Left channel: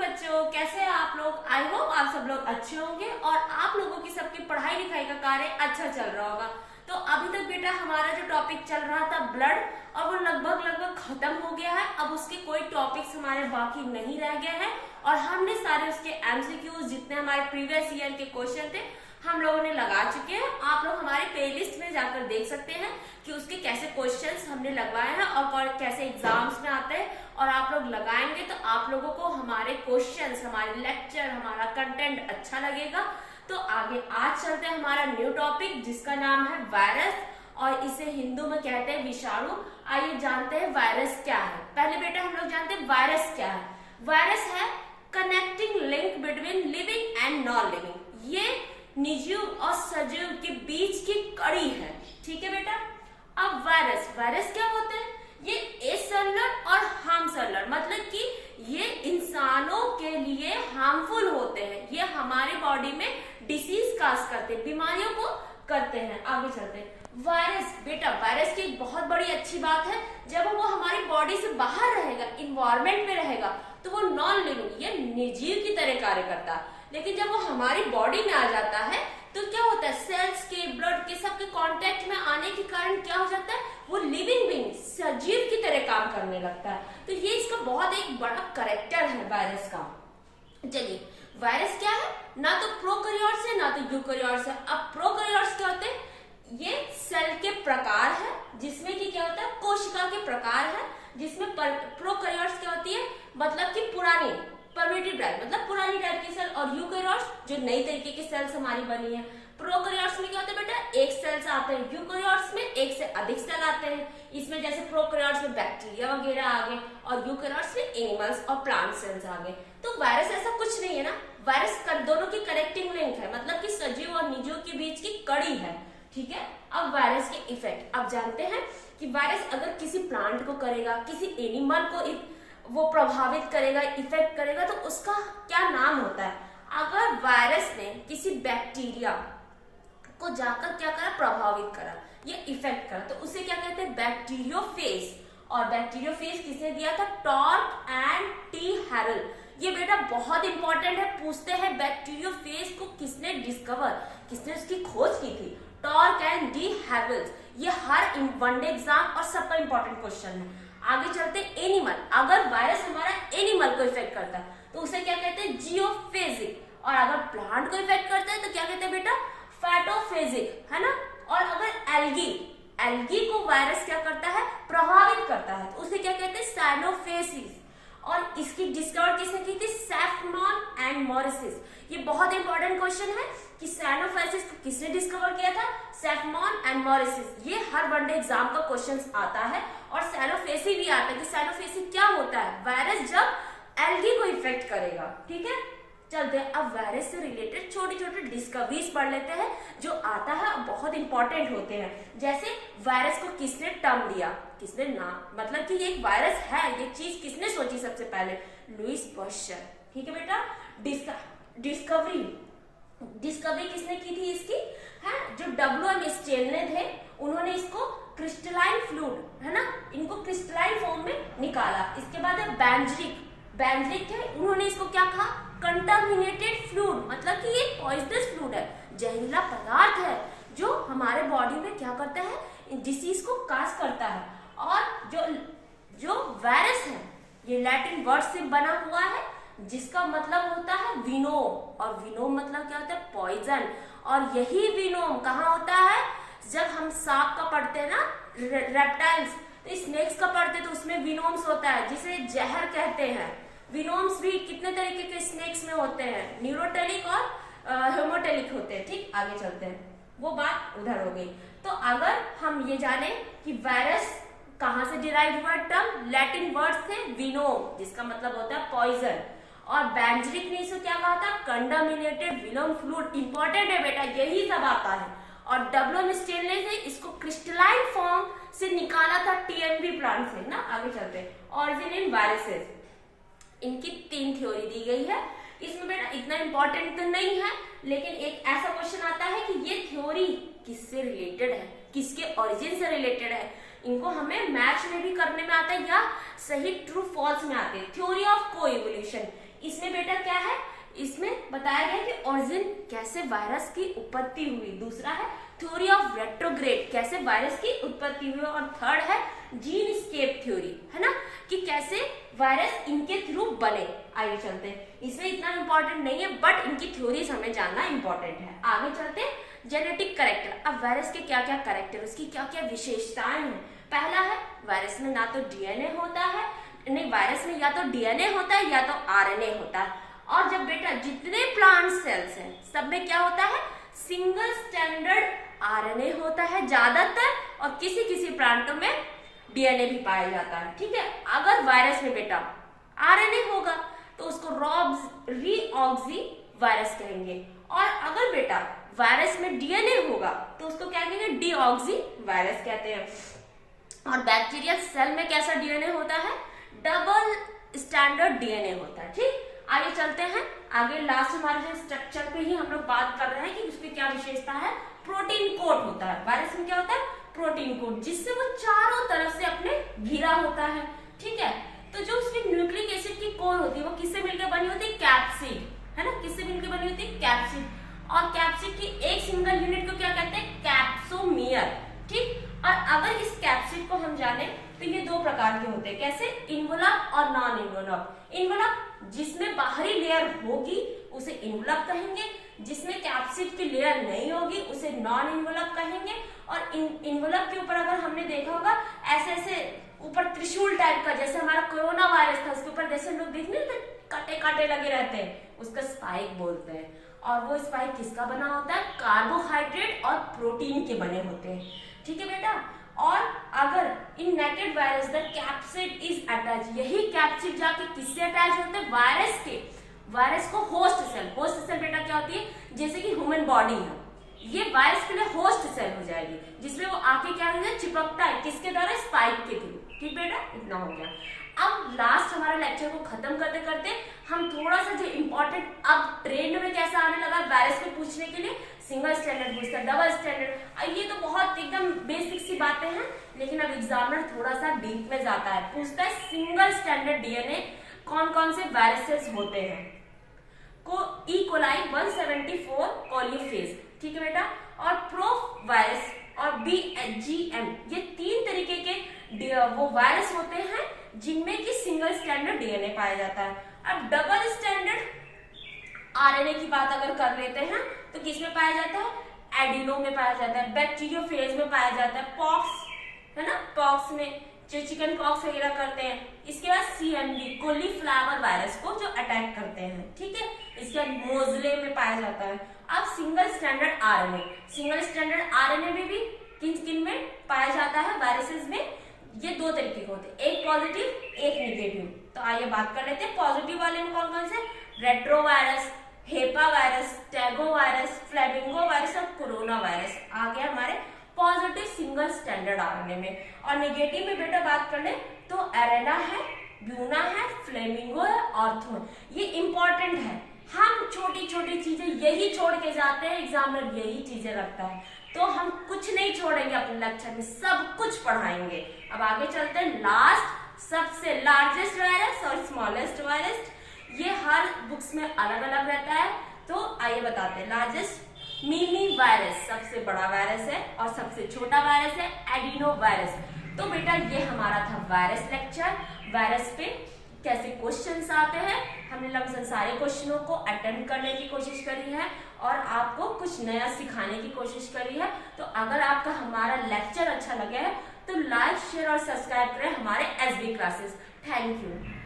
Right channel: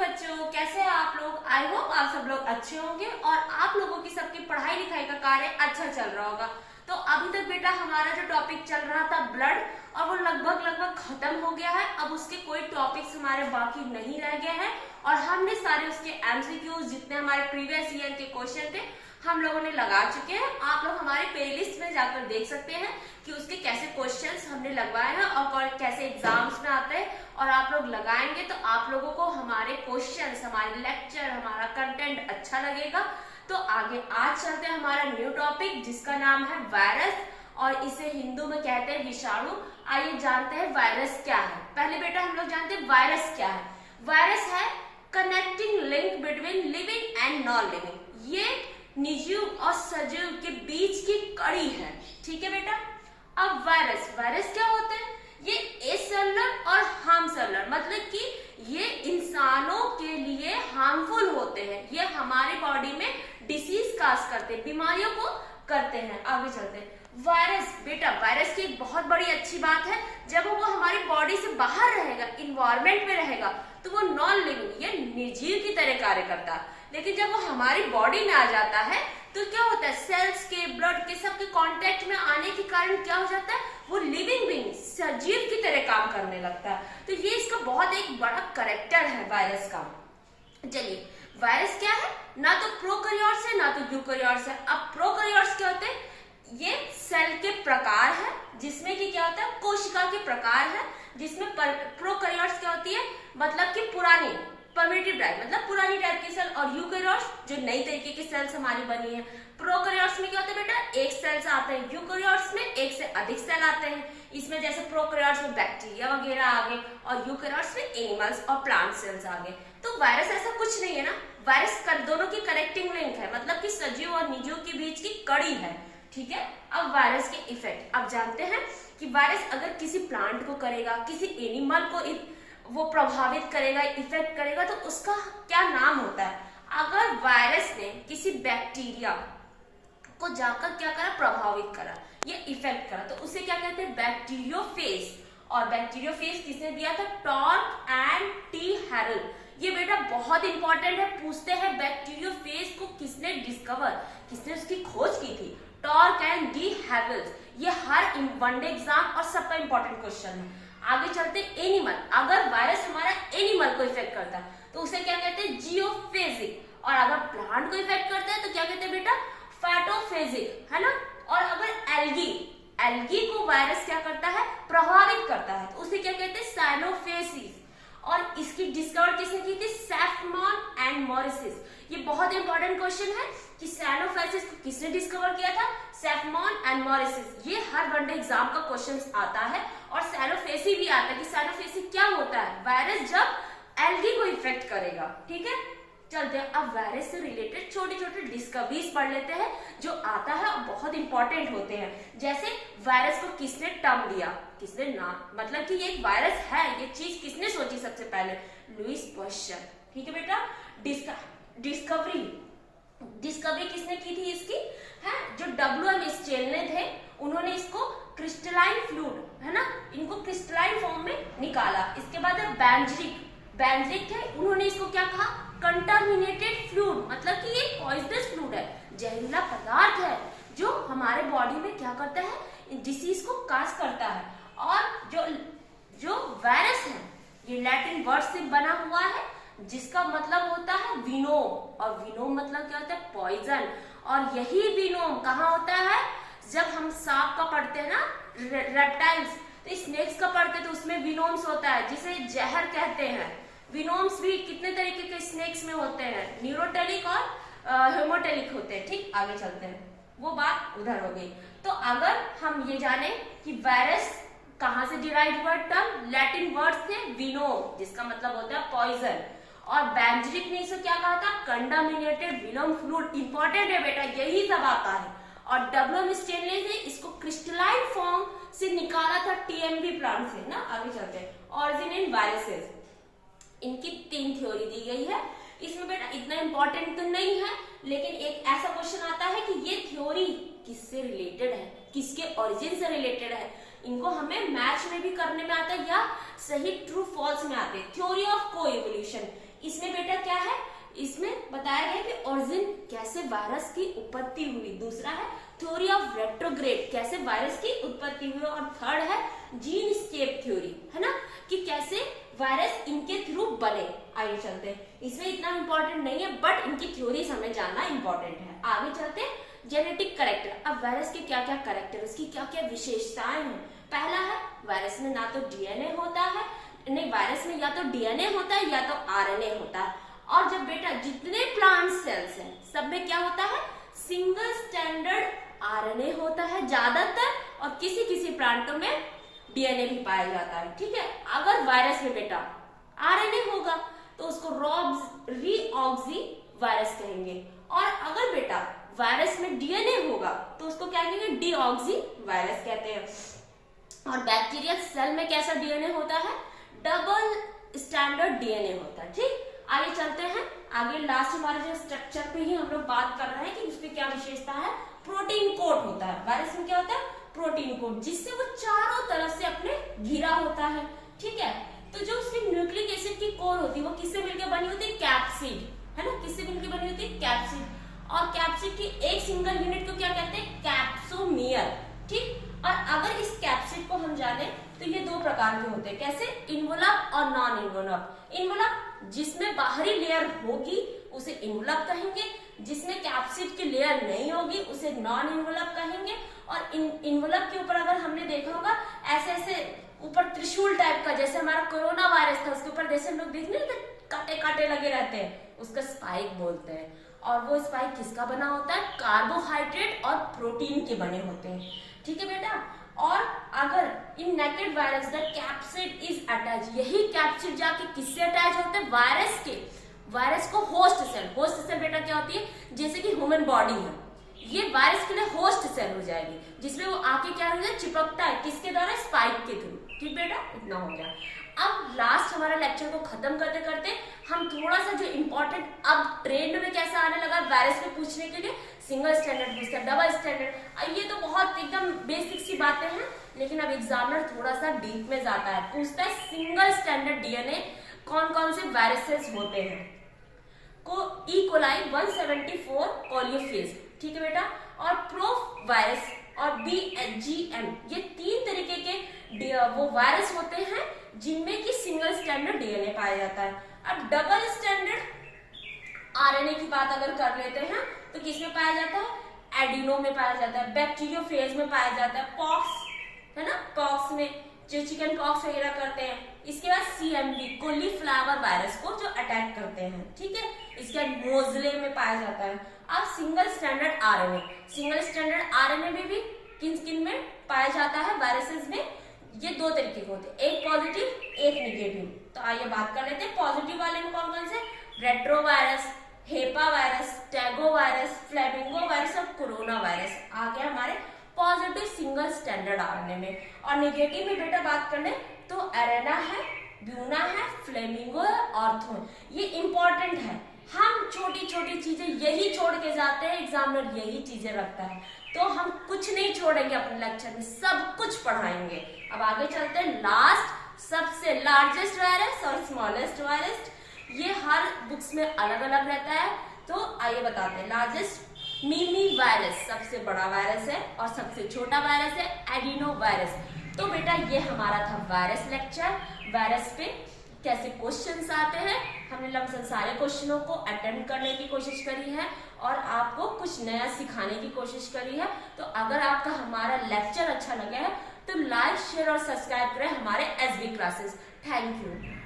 बच्चों, कैसे हैं आप लोग। आई होप आप सब लोग अच्छे होंगे और आप लोगों की सबकी पढ़ाई लिखाई का कार्य अच्छा चल रहा होगा। तो अभी तक बेटा हमारा जो टॉपिक चल रहा था ब्लड, और वो लगभग खत्म हो गया है। अब उसके कोई टॉपिक्स हमारे बाकी नहीं रह गए हैं और हमने सारे उसके एमसीक्यूज जितने हमारे प्रीवियस ईयर के क्वेश्चन थे हम लोगों ने लगा चुके हैं। आप लोग हमारे प्लेलिस्ट में जाकर देख सकते हैं कि उसके कैसे क्वेश्चंस हमने लगवाए हैं और कैसे एग्जाम्स में आते हैं। और आप लोग लगाएंगे तो आप लोगों को हमारे क्वेश्चंस, हमारे लेक्चर, हमारा कंटेंट अच्छा लगेगा। तो आगे आज चलते हैं हमारा न्यू टॉपिक जिसका नाम है वायरस, और इसे हिंदू में कहते हैं विषाणु। आइए जानते हैं वायरस क्या है। पहले बेटा हम लोग जानते हैं वायरस क्या है। वायरस है connecting link between living and non living. ये निर्जीव और सजीव के बीच की कड़ी है। ठीक है बेटा। अब वायरस क्या होते हैं? ये एसेलुलर और हार्मसेलुलर, मतलब कि ये इंसानों के लिए हार्मफुल होते हैं। ये हमारे बॉडी में डिसीज काज करते हैं, बीमारियों को करते हैं। आगे चलते हैं। वायरस बेटा, वायरस की एक बहुत बड़ी अच्छी बात है, जब वो हमारी बॉडी से बाहर रहेगा, इन्वायरमेंट में रहेगा, तो वो नॉन लिविंग, ये निर्जीव की तरह कार्य करता है। लेकिन जब वो हमारी बॉडी में आ जाता है तो क्या होता है, सेल्स के, ब्लड के, सबके कांटेक्ट में आने के कारण क्या हो जाता है, वो लिविंग बीइंग, सजीव की तरह काम करने लगता है। तो ये इसका बहुत एक बड़ा कैरेक्टर है वायरस का। चलिए, वायरस क्या है? ना तो प्रोकैरियोट्स है ना तो यूकैरियोट्स है। अब प्रोकैरियोट्स क्या होते हैं? ये सेल के प्रकार है जिसमें कि क्या होता है, कोशिका के प्रकार है जिसमें प्रोकैरियोट्स क्या होती है, मतलब कि पुरानी प्रिमिटिव टाइप, मतलब पुरानी टाइप की सेल, और यूकैरियोट्स जो नई तरीके की सेल्स हमारी बनी है। प्रोकैरियोट्स में क्या होता है बेटा, एक सेल से आते हैं, यूकैरियोट्स में एक से अधिक सेल आते हैं। इसमें जैसे प्रोकैरियोट्स में बैक्टीरिया वगैरह आ गए और यूकैरियोट्स में एनिमल्स और प्लांट सेल्स आ गए। तो वायरस ऐसा कुछ नहीं है ना, वायरस दोनों की कनेक्टिंग लिंक है, मतलब कि सजीव और निर्जीव के बीच की कड़ी है। ठीक है। अब वायरस के इफेक्ट अब जानते हैं कि वायरस अगर किसी प्लांट को करेगा, किसी एनिमल को वो प्रभावित करेगा, इफेक्ट करेगा, तो उसका क्या नाम होता है। अगर वायरस ने किसी बैक्टीरिया को जाकर क्या करा, प्रभावित करा, ये इफेक्ट करा, तो उसे क्या कहते हैं, बैक्टीरियोफेज। और बैक्टीरियोफेज किसने दिया था, टॉर्क एंड टी हैरल। ये बेटा बहुत इंपॉर्टेंट है, पूछते हैं बैक्टीरियोफेज को किसने डिस्कवर, किसने उसकी खोज की थी, टॉर्क एंड डी हैवल्स। ये हर वनडे एग्जाम और सबका इंपॉर्टेंट क्वेश्चन है। आगे चलते एनिमल। अगर वायरस हमारा एनिमल को इफेक्ट करता है तो उसे क्या कहते हैं, जियोफेजिक। और अगर प्लांट को इफेक्ट करता है तो क्या कहते हैं बेटा, फैटोफेजिक, है ना। और अगर एल्गी को वायरस क्या करता है, प्रभावित करता है, तो उसे क्या कहते हैं, साइनोफेसिस। और इसकी डिस्कवर किसने की थी, सैफमन एंड मॉरिस। ये बहुत इंपॉर्टेंट क्वेश्चन है कि साइनोफेसिस को किसने डिस्कवर किया था, सैफमन एंड मॉरिस। ये हर वनडे एग्जाम का क्वेश्चन आता है। और साइनोफेसी भी आता है कि साइनोफेसी क्या होता है, वायरस जब एल्गी को इफेक्ट करेगा। ठीक है। चलते हैं अब वायरस से रिलेटेड छोटे छोटे डिस्कवरीज पढ़ लेते हैं जो आता है और बहुत इंपॉर्टेंट होते हैं। जैसे वायरस को किसने टर्म दिया, किसने नाम, मतलब कि ये एक वायरस है, ये चीज किसने सोची सबसे पहले, लुईस पाश्चर। ठीक है बेटा। डिस्कवरी किसने की थी इसकी, है जो WM स्टेनले थे, उन्होंने इसको क्रिस्टलाइन फ्लूइड, है ना, इनको क्रिस्टलाइन फॉर्म में निकाला। इसके बाद बेंजलिक थे, उन्होंने इसको क्या कहा, कंटामिनेटेड फ्लूइड, मतलब कि ये पॉइजनस फ्लूइड है, जहरीला पदार्थ है जो हमारे बॉडी में क्या करता है, डिसीज को काज करता है। और जो वायरस है ये लैटिन वर्ड से बना हुआ है जिसका मतलब होता है विनोम, और विनोम मतलब क्या होता है, पॉइजन। और यही विनोम कहाँ होता है, जब हम सांप का पढ़ते हैं ना, रेप्टाइल्स, तो स्नेक्स का पढ़ते हैं तो उसमें विनोम्स होता है जिसे जहर कहते हैं। विनोम्स भी कितने तरीके के स्नेक्स में होते हैं, न्यूरोटेलिक और हेमोटेलिक होते हैं। ठीक, आगे चलते हैं, वो बात उधर हो गई। तो अगर हम ये जाने कि वायरस कहां से डिराइव हुआ टर्म, लैटिन वर्ड से विनोम, जिसका मतलब होता है पॉइजन। और बेंजलिक ने इसे क्या कहा था, कंटामिनेटेड विनोम फ्लूइड। इंपॉर्टेंट है बेटा, यही सब आता है। और WM स्टेनले ने इसको क्रिस्टलाइन फॉर्म से निकाला था TMV प्लांट से ना। आगे चलते हैं, ऑरिजिन इन वायरसेस, इनकी 3 थ्योरी दी गई है। इसमें बेटा इतना इंपॉर्टेंट तो नहीं है, लेकिन एक ऐसा क्वेश्चन आता है कि ये थ्योरी किससे रिलेटेड है, किसके ओरिजिन से रिलेटेड है। इनको हमें मैच में भी करने में आता है या सही ट्रू फॉल्स में आते हैं। थ्योरी ऑफ को इवोल्यूशन, इसमें बेटा क्या है, इसमें बताया गया कि ओरिजिन कैसे वायरस की उत्पत्ति हुई, दूसरा है थ्योरी ऑफ रेट्रोग्रेड कैसे वायरस की उत्पत्ति हुई, और थर्ड है जीन स्केप थ्योरी, है ना, कि कैसे वायरस इनके थ्रू बने। आगे चलते हैं, इसमें इतना इंपॉर्टेंट नहीं है बट इनकी थ्योरीज हमें जानना इंपॉर्टेंट है। आगे चलते हैं जेनेटिक कैरेक्टर। अब वायरस के क्या क्या कैरेक्टर, उसकी क्या क्या विशेषताएं हैं। पहला है वायरस में ना तो डीएनए होता है, नहीं वायरस में या तो डीएनए होता है या तो आरएनए होता है। और जब बेटा जितने प्लांट सेल्स हैं सब में क्या होता है, सिंगल स्टैंडर्ड आरएनए होता है ज्यादातर, और किसी किसी प्लांटों में डीएनए भी पाया जाता है। ठीक है, अगर वायरस में बेटा आरएनए होगा तो उसको रीऑक्सी वायरस कहेंगे, और अगर बेटा वायरस में डीएनए होगा तो उसको क्या कहेंगे, डीऑक्सी वायरस कहते हैं। और बैक्टीरिया सेल में कैसा डीएनए होता है, डबल स्टैंडर्ड डीएनए होता है। ठीक, आगे चलते हैं, आगे लास्ट हमारे जो स्ट्रक्चर पे ही हम लोग बात कर रहे हैं कि उसकी क्या विशेषता है, प्रोटीन कोट होता है। वायरस में क्या होता है, प्रोटीन कोट, जिससे वो चारों तरफ से अपने घिरा होता है। ठीक है, तो जो उसकी न्यूक्लिक एसिड की कोर होती है वो किससे मिलकर बनी होती है, कैप्सिड, है ना, किससे मिलकर बनी होती है, कैप्सिड। और कैप्सिड की एक सिंगल यूनिट को क्या कहते हैं, कैप्सोमियर। ठीक, और अगर इस कैप्सिड को हम जाने तो ये दो प्रकार के होते हैं, कैसे, इन्वलप और नॉन इन्वलप। इन्वलप जिसमें बाहरी लेयर होगी उसे इन्वलप कहेंगे, जिसमें कैप्सिड की लेयर नहीं होगी उसे नॉन इन्वलप कहेंगे। और इन्वलप के ऊपर अगर हमने देखा होगा ऐसे ऐसे ऊपर त्रिशूल टाइप का, जैसे हमारा कोरोना वायरस था उसके ऊपर जैसे लोग देखने कांटे कांटे लगे रहते हैं, उसका स्पाइक बोलते हैं। और वो स्पाइक किसका बना होता है, कार्बोहाइड्रेट और प्रोटीन के बने होते हैं। ठीक है बेटा, और अगर in naked virus the capsid is attach, यही कैप्सिड जाके किससे अटैच होते हैं, वायरस के, वायरस को होस्ट सेल, होस्ट सेल बेटा क्या होती है, जैसे कि ह्यूमन बॉडी है, ये वायरस के लिए होस्ट सेल हो जाएगी, जिसमें वो आके क्या हो जाए, चिपकता है, किसके द्वारा, स्पाइक के थ्रू। ठीक बेटा, इतना हो गया। अब लास्ट हमारा लेक्चर को खत्म करते करते हम थोड़ा सा जो इम्पोर्टेंट, अब ट्रेंड में कैसा आने लगा वायरस पे पूछने के लिए, सिंगल स्टैंडर्ड पूछता है, डबल स्टैंडर्ड, ये तो बहुत एकदम बेसिक सी बातें हैं, लेकिन अब एग्जामिनर थोड़ा सा डीप में जाता है, पूछता है सिंगल स्टैंडर्ड डीएनए कौन कौन से वायरसेस होते हैं, को ई कोलाई 174 कोलियोफेज। ठीक है बेटा, और प्रो वायरस और BHGM, ये तीन तरीके के वो वायरस होते हैं जिनमें कि सिंगल स्टैंडर्ड डीएनए पाया जाता है। अब डबल स्टैंडर्ड आरएनए की बात अगर कर लेते हैं तो किसमें पाया जाता है, एडिनो में पाया जाता है, बैक्टीरियोफेज में पाया जाता है, पॉक्स, है ना, पॉक्स में जो चिकन पॉक्स वगैरह करते हैं। इसके बाद CMV कॉलीफ्लावर वायरस को जो अटैक करते हैं। ठीक है, इसके बाद मोजले में पाया जाता है। अब single standard RNA, single standard RNA में भी किन किन में पाया जाता है, वायरसेस में ये दो तरीके के होते हैं, एक पॉजिटिव एक निगेटिव। तो आइए बात कर लेते हैं पॉजिटिव वाले में कौन कौन से, रेट्रो वायरस, हेपा वायरस, टैगो वायरस, फ्लेमिंगो वायरस और कोरोना वायरस आ गया हमारे पॉजिटिव सिंगल स्टैंडर्ड आरएनए में। और निगेटिव में बेटा बात कर ले तो एरेना है, ब्यूना है, फ्लेमिंगो है, ऑर्थो, ये इंपॉर्टेंट है। हम छोटी छोटी चीजें यही छोड़ के जाते हैं, एग्जामिनर यही चीजें रखता है, तो हम कुछ नहीं छोड़ेंगे अपने लेक्चर में, सब कुछ पढ़ाएंगे। अब आगे चलते हैं, लास्ट सबसे लार्जेस्ट वायरस और स्मॉलेस्ट वायरस, ये हर बुक्स में अलग अलग रहता है। तो आइए बताते हैं, लार्जेस्ट मिनी वायरस सबसे बड़ा वायरस है और सबसे छोटा वायरस है एडिनो वायरस। तो बेटा ये हमारा था वायरस लेक्चर। वायरस पे कैसे क्वेश्चंस आते हैं, हमने लमसम सारे क्वेश्चनों को अटेम्प्ट करने की कोशिश करी है और आपको कुछ नया सिखाने की कोशिश करी है। तो अगर आपका हमारा लेक्चर अच्छा लगा है तो लाइक, शेयर और सब्सक्राइब करें हमारे SB क्लासेस। Thank you.